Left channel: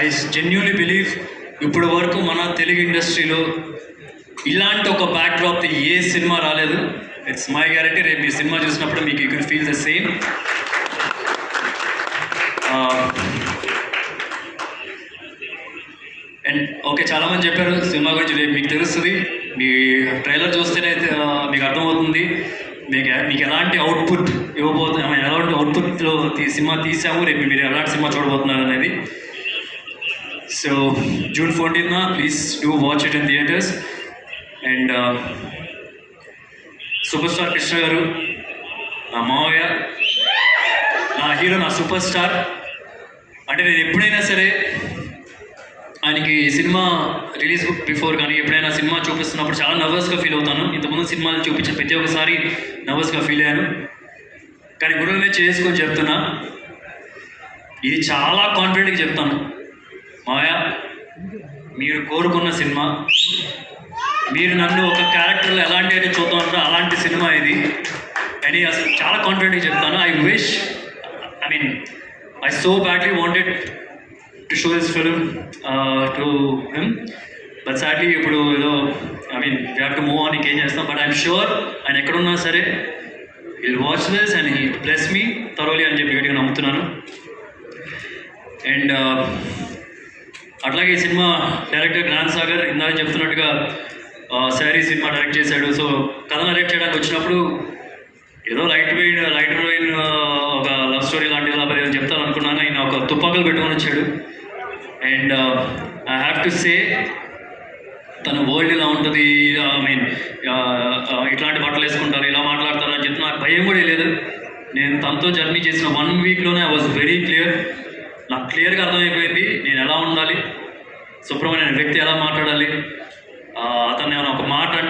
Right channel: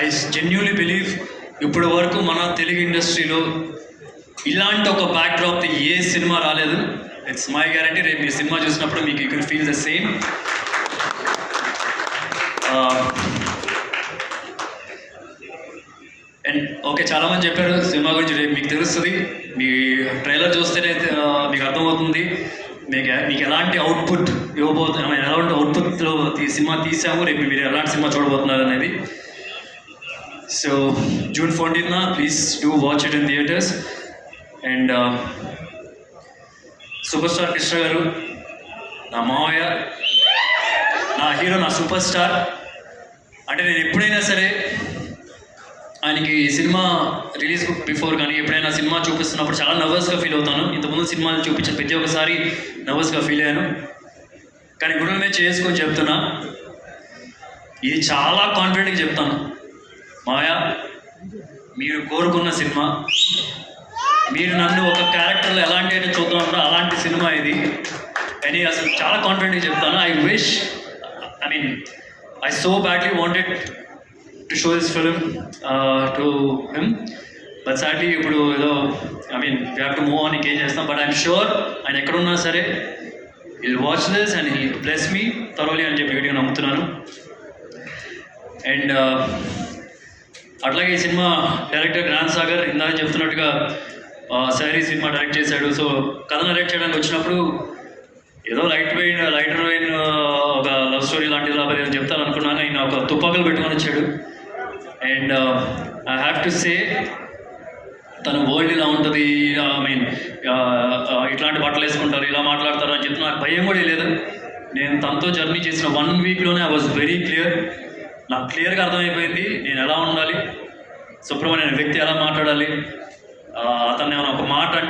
I genuinely believe ఇప్పటి వరకు మన తెలుగు ఇండస్ట్రీలో ఇలాంటి ఒక బ్యాక్డ్రాప్ ఏ సినిమా రాలేదు. It's my guarantee. రేపు మీ సినిమా చూసినప్పుడు మీకు you can feel the same. And okay, చాలామంది చెప్పారు సినిమా గురించి, రేపు మీకు తెలుస్తుంది. మీ ట్రైలర్ చూస్తేనే మీకు అర్థమవుతుంది మీకు ఎలాంటి అవుట్పుట్ ఇవ్వబోతున్నాం, ఎలాంటి అవుట్పుట్లో సినిమా తీసాము, రేపు మీరు ఎలాంటి సినిమా చూడబోతున్నారు అనేది. So June 14th, please do watch it in theatres. And super star Krishna గారు, నా మావయ్య, నా హీరో, నా సూపర్ స్టార్. అంటే నేను ఎప్పుడైనా సరే ఆయనకి సినిమా రిలీజ్ బిఫోర్ కానీ ఎప్పుడైనా సినిమా చూపిస్తున్నప్పుడు చాలా నర్వస్గా ఫీల్ అవుతాను. ఇంతకుముందు సినిమాలు చూపించిన ప్రతి ఒక్కసారి నర్వస్గా ఫీల్ అయ్యాను. కానీ గురువునే చేసుకొని చెప్తున్నా, ఇది చాలా కాన్ఫిడెంట్గా చెప్తాను. మాయా, మీరు కోరుకున్న సినిమా, మీరు నన్ను ఒక క్యారెక్టర్లో ఎలాంటి అయితే చూద్దాం అలాంటి సినిమా ఇది అని అసలు చాలా కాన్ఫిడెంట్గా చెప్తాను. I so badly wanted to show this film to him, but sadly ఇప్పుడు ఏదో we have to move on, ఇంకేం చేస్తాం. బట్ ఐఎమ్ షూర్ ఆయన ఎక్కడున్నా సరే he'll watch this and he'll bless me thoroughly అని చెప్పి గట్టిగా నమ్ముతున్నాను. అండ్ అట్లాగే ఈ సినిమా డైరెక్టర్ జ్ఞాన్ సాగర్ ఇందాక చెప్తున్నట్టుగా శారీ సినిమా డైరెక్ట్ చేశాడు. సో కథ డైరెక్ట్ చేయడానికి వచ్చినప్పుడు ఏదో లైటర్ వెయిన్ ఒక లవ్ స్టోరీ లాంటిది ఏదో చెప్తాను అనుకున్నాను. ఆయన ఒక తుపాకులు పెట్టుకొని వచ్చాడు. And I have to say, తన వరల్డ్ ఇలా ఉంటుంది, ఇట్లాంటి బట్టలు వేసుకుంటారు, ఇలా మాట్లాడతారు అని చెప్పి నాకు భయం కూడా లేదు. నేను తనతో జర్నీ చేసిన 1 వీక్లోనే ఐ వాజ్ వెరీ క్లియర్. నాకు క్లియర్గా అర్థమైపోయింది నేను ఎలా ఉండాలి, సుబ్రహ్మణ్యం వ్యక్తి ఎలా మాట్లాడాలి. అతన్ని ఒక మాట